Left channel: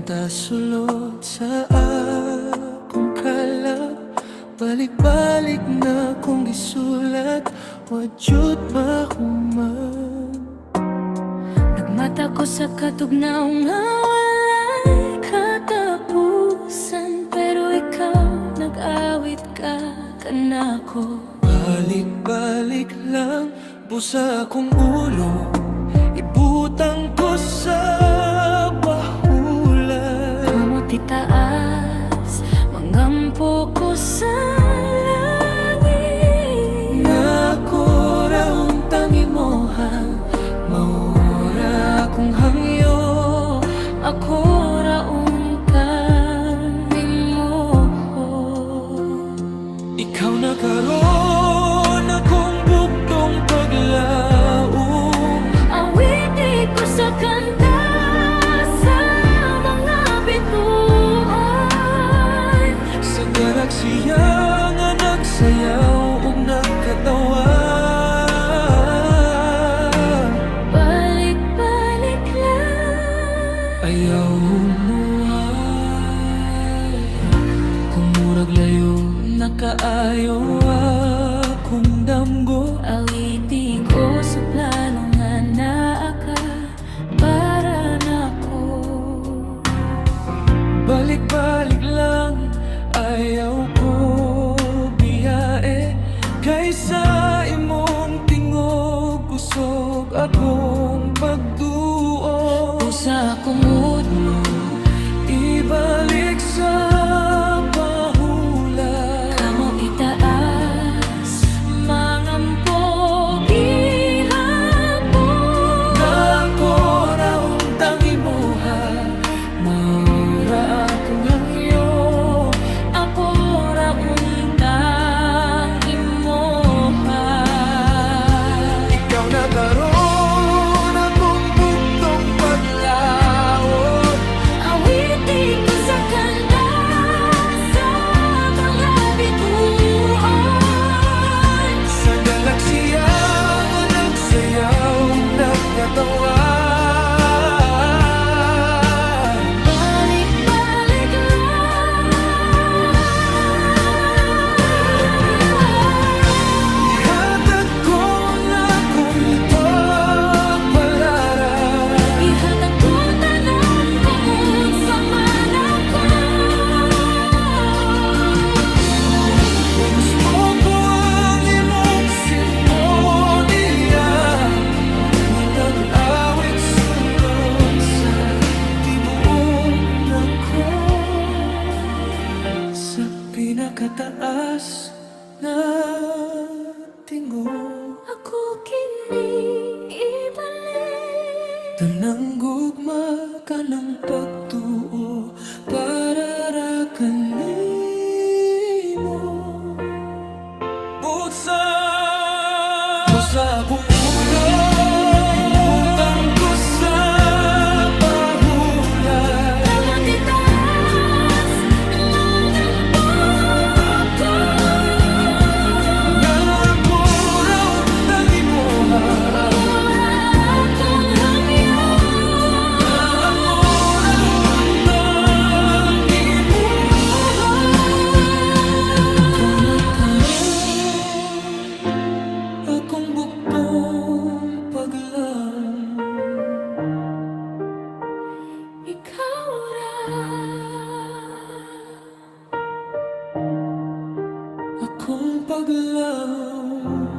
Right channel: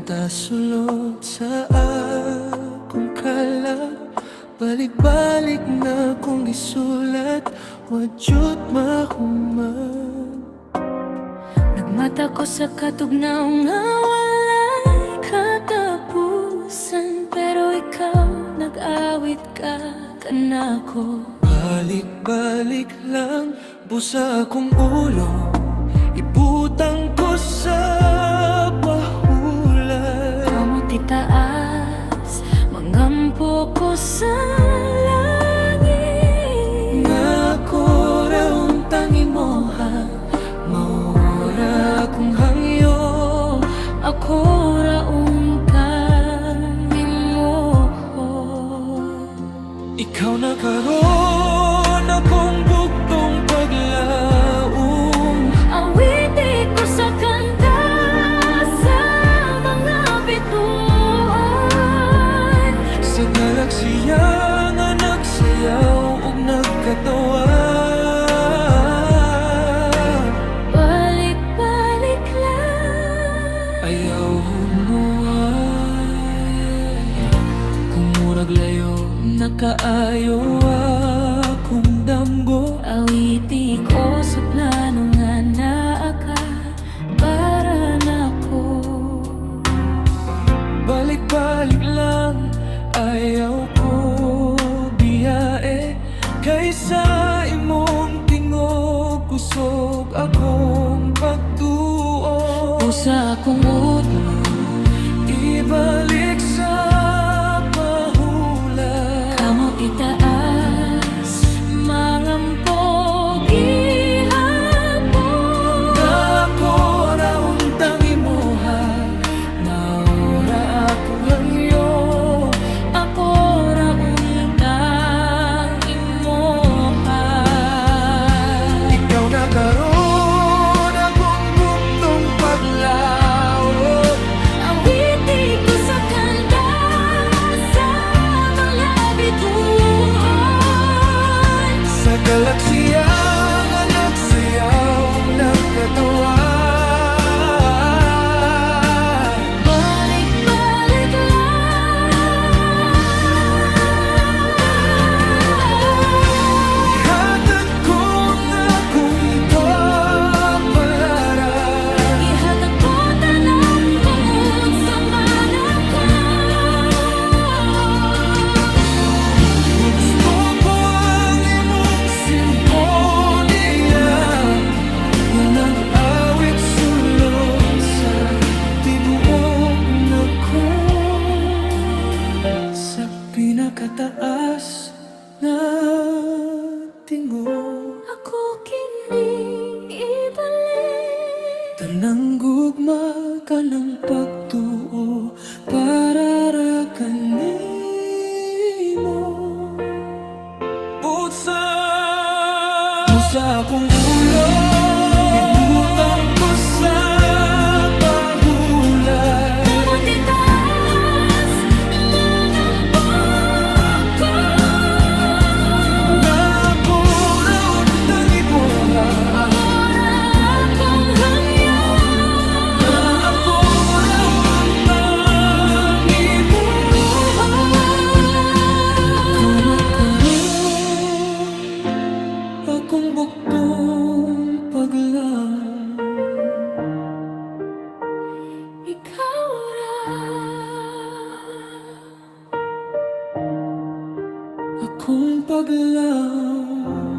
punta sulod sa akong kalag. Balik-balik na kong gisulat, wadyut mahuman. Nagmata ko sa katugnaw nga walay katapusan, pero ikaw nag-awit ka kanako. Balik-balik lang, busa akong ulo, ibutang ko sa bahulan. Kamot itaas, mangampo ko sa langit. Nga ako raon tangi mo ha, maura akong hangyo. Ako raong kanimo. Ikaw na karon akong bugtong paglaom. Awiti ko sa kanta sa mga bituan. Sa galaksiya nga nagsayaw ug nagkatawa. Balik-balik lang, Ayaw hunuay, kung murag layo nakaayo akong damgo. awiti ko sa plano nga naa ka para nako. Balik-balik lang, ayaw ko biyae, kaysa imong tingog kusog akong pagduo. Usa akong udlo, Ibalik sa pahulan. kamo itaas, mangampo gihapon. Ako raon tangi mo ha, maura akong hangyo. Ako raon tang imoha. Ikaw na karon akong bugtong paglaot. Awiti ko sa kanta sa mga bituan. Sa galaksiya nga nagsayaw, nagkatawa. Balik-balik lang, Ihatag ko ang akong pagpalaran. ihatag ko tanan tungod sa manako. O gusto ko ang imong simponya nga nag-awit sulod sa tibuok nako. Sa pinakataas na tingog, Ako kini ibalik. tanang gugma ka ng pagtuo para ra kanimo. Pusa akong ulo, ibutang ko sa pahulan. Kamot itaas, mangampo ko. Nga ako raon tangi mo ha, Maura akong hangyo. ako raon tangi mo ha. Kamot karon akong bugtong paglaom. Ikaw ra Akong paglaom.